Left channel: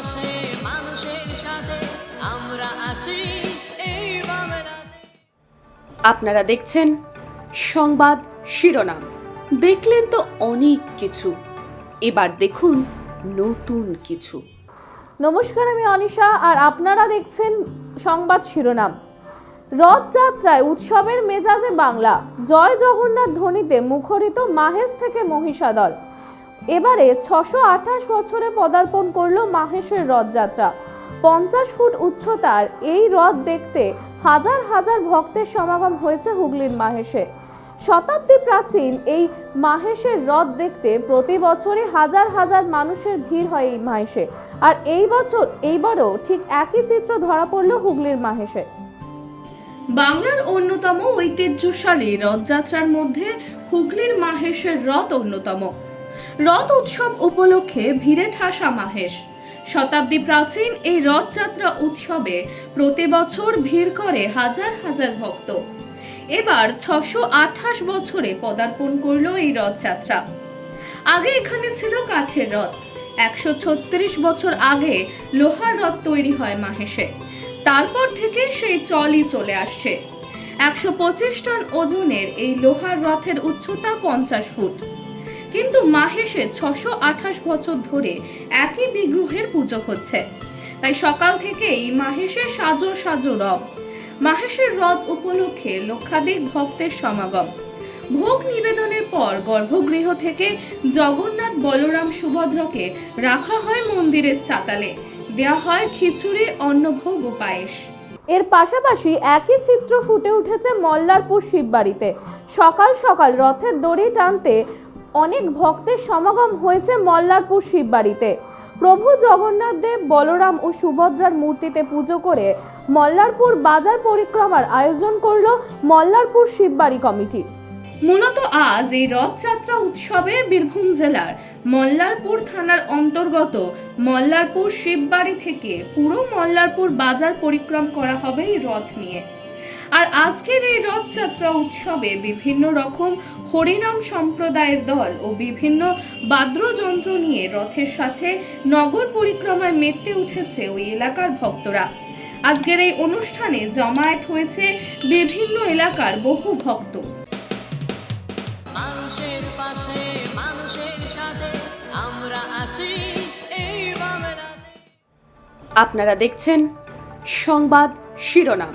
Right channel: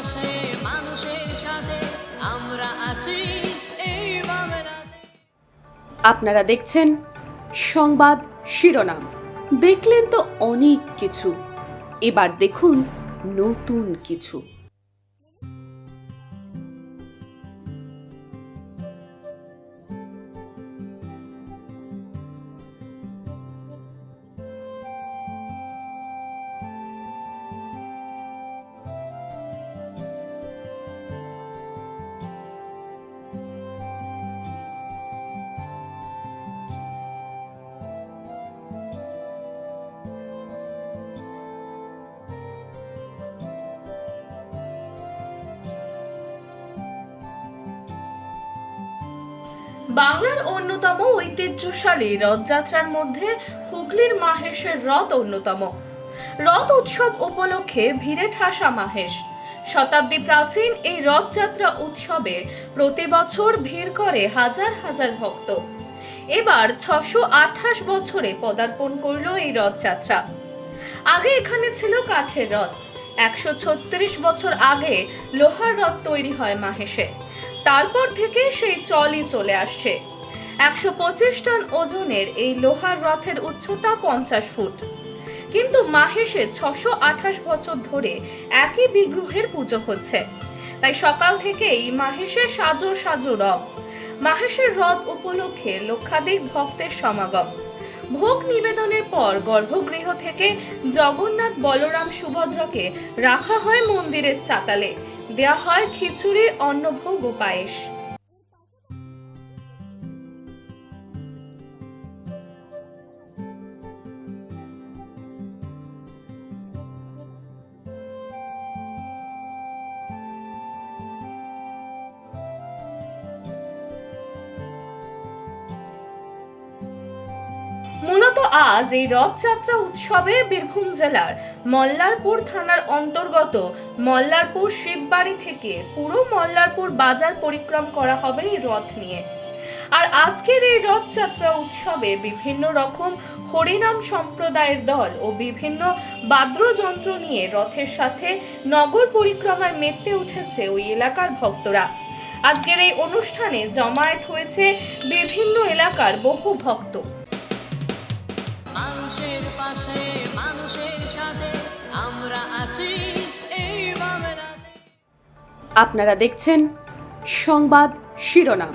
পাশে মানুষের সাথে আমরা আছি। এই আপনারা দেখছেন সংবাদ শিরোনাম। দেখলেন তো অনেক কিছু। এবার দেখুন নতুন কিছু। নমস্কার আমি অনিশা আর আপনারা দেখছেন সংবাদ শিরোনাম। রথযাত্রায় উৎসবের মেজাজে বাংলা। জয় জগন্নাথ ধ্বনিতে মুখরিত মাহেশ থেকে মহিষাদল। এবারে ছশো আঠাশ বছরে পদার্পণ করল মাহেশের রথযাত্রা। পঞ্চাশ ফুট উচ্চতার এই রথ দেখতে হাজার হাজার ভক্তের সমাগম হয়েছে হুগলির মাহেশে। শতাব্দী প্রাচীন এই মাহেশের রথ দেখতে প্রতি বছরই হাজার হাজার মানুষের ভিড় হয় এই মাহেশে। আর এই বছর, এইবারও ঠিক একই চিত্র ধরা পড়ল হুগলির মাহেশে। বাংলার অন্যতম ঐতিহ্যশালী রথযাত্রার মধ্যে হুগলির মাহেশের রথ অন্যতম। রথ উৎসব উপলক্ষে ভিড়ে ঠাসা মাহেশ। শতাব্দী প্রাচীন এই রথযাত্রা উৎসবে প্রতি বছর ভিড় করে হাজার হাজার ভক্ত। এবার ছশো আঠাশ বছরে পদার্পণ করল এই রথযাত্রা। আগে এখানে ছিল কাঠের রথ। একশো ছত্রিশ বছর আগে লোহার রথ তৈরি হয় মাহেশে। তারপর থেকে সেই চলই চলে আসছে। একশো পঁচিশ টন ওজনের এই লোহার রথের উচ্চতা পঞ্চাশ ফুট। কিন্তু মাহেশে ছশো আঠাশ বছর ধরে একই বিগ্রহের পুজো হচ্ছে। তাই সকাল থেকেই মাহেশের সাজো সাজো রথ মাহেশের রথ উপলক্ষে লক্ষাধিক ভক্তের সমাগম। ভোগ নিবেদনের পর গর্ভগৃহ থেকে জগন্নাথ বলরাম সুভদ্রকে রাখা হয় মন্দিরের চাতালে। দেওয়া হয় খিচুড়ি, অন্নভোগ ও পায়েস। এর পাশাপাশি একই চিত্র ফুটে উঠেছে মল্লারপুর শিববাড়িতে। সকাল সকাল রথের দড়ি টানতে অনেক ভক্তের সমাগম হয়েছে মল্লারপুর শিববাড়িতে। প্রভু জগন্নাথ দেব, বলরাম ও সুভদ্রার মূর্তিতে পুজো করে মল্লারপুর বাজার পরিক্রমার আয়োজন করল মল্লারপুর শিববাড়ি কমিটি। মূলত আজ এই রথযাত্রা উৎসবে বীরভূম জেলার মল্লারপুর থানার অন্তর্গত মল্লারপুর শিববাড়ি থেকে পুরো মল্লারপুর বাজার পরিক্রম করা হবে এই রথ নিয়ে। আর আজকের এই রথযাত্রা উৎসবে বিভিন্ন রকম হরিনাম সম্প্রদায়ের দল ও বিভিন্ন বাদ্যযন্ত্র নিয়ে রথের সাথে নগর পরিক্রমায় মেতে উঠেছে ওই এলাকার ভক্তরা। আজকের এই অনুষ্ঠানে জমায়েত হয়েছে বিভিন্ন এলাকার বহু ভক্ত। মানুষের পাশে মানুষের সাথে আমরা আছি এই আপনারা দেখছেন সংবাদ শিরোনাম।